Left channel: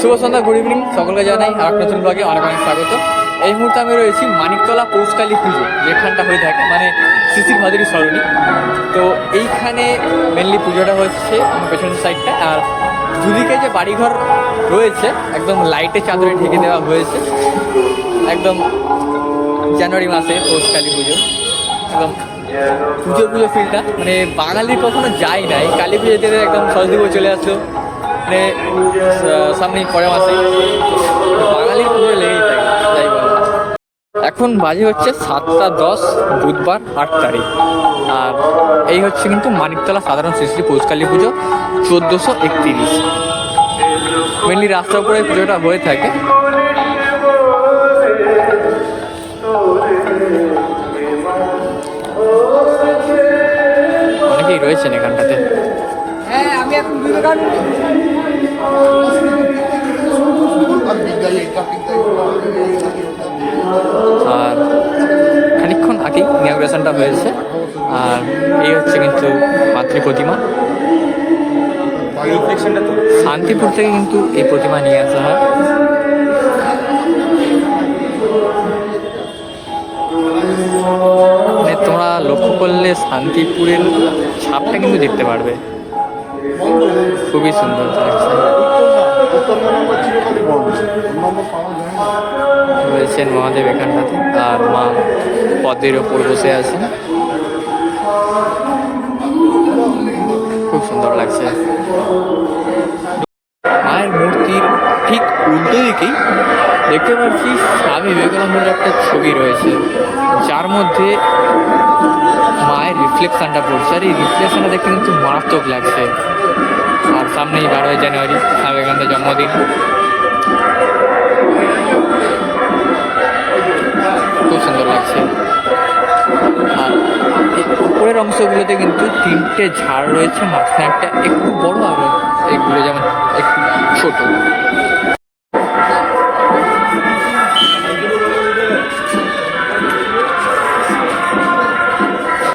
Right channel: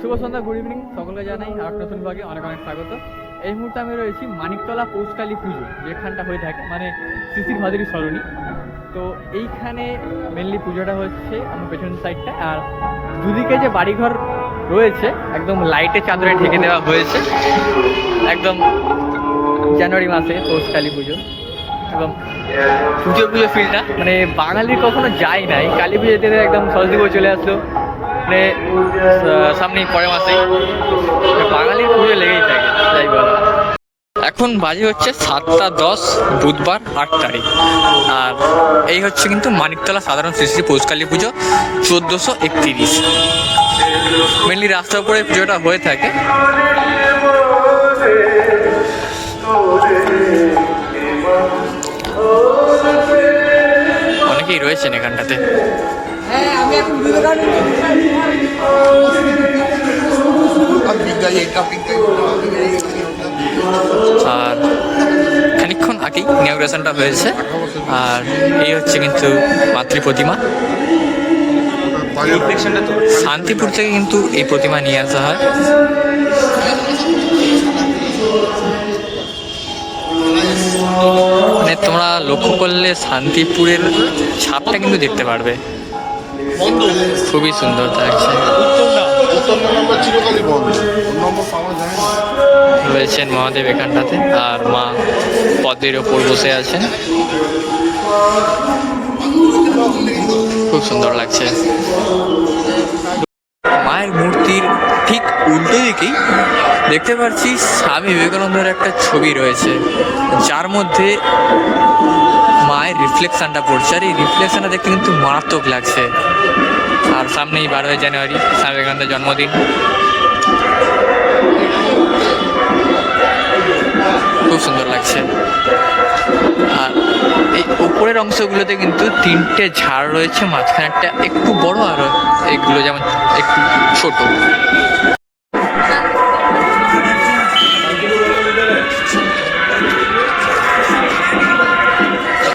শুভ সন্ধ্যা good evening সকলকে জানাই আর নতুন ব্লগে অনেক অনেক স্বাগত। এই মুহূর্তে আমি রয়েছি মানিকতলা পৌষকালী পুজো, যেখানটা হয়ে থাকে মানে শিশির ভাদুরী সরণি। তো এইখানে মেনলি পুজোটা হচ্ছে আমার পেছনের সাইডটা আর দুদিকে যে বাড়িঘর রয়েছে, একদম লাইটে চাদরে ঢেকে দেওয়া হয়েছে, একদম জানুয়ারি মাসে পৌষকালী পুজো। একদম পুজো পুজো ফিলটা মানে বাঙালি কখনো যায় নাই। কালী পুজোতে একদম সরস্বতী চলে আসলো মানে আহ, সামনেই পরের মাসেই বাঙালির পুজো লেগেই থাকে যাই বলো এখন বাজে হচ্ছে সাতটা দশ বুধবার আট তারিখ। আর এই হচ্ছে কিন্তু মানিকতলা সাধারণ শ্রী শ্রী পৌষকালী পুজো চোদ্দোশো একত্রিশ। মেনলি রাস্তার উপরে পুজোটা হয়ে থাকে। অনেকেই রয়েছেন এখানটাতে। হ্যাঁ আমি এখন আর খানিকক্ষণ আগেই ইনাগ্রেশনটা হয়েছে। আর এই হচ্ছে কিন্তু মাতৃ প্রতিমা। শান্তিপুর থেকে কিন্তু এই প্রতিমা নিয়ে আসা হয়। মানে তোমরা লক্ষ্য করলে শান্তিপুরের ছাপটা কিন্তু দেখতে পারবে। খুবই সুন্দর লাগছে। রয়েছেন মহাদেব এখানটাতে আর মা পদের ওপর বসে আছেন। খুব সুন্দর লাগছে। মায়ের মূর্তির ঠিক উল্টো দিকেই দেখতে পাচ্ছি স্বামী বিবেকানন্দের একটা ছবি রয়েছে, যার মধ্যে মায়ের রিফ্লেকশনটা পড়ছে। আর এই রিফ্লেকশনটা দেখতে কিন্তু মারাত্মক লাগছে। আর সামনেই বারোই জানুয়ারি স্বামী বিবেকানন্দের জন্মদিন। খুব সুন্দর লাগছে। আর এই উপরের অংশগুলোতে কিন্তু তিনটে ঝাড় রয়েছে, মাঝখানে একটা একটু বড় আর এগুলো যেমন একটু ছোট।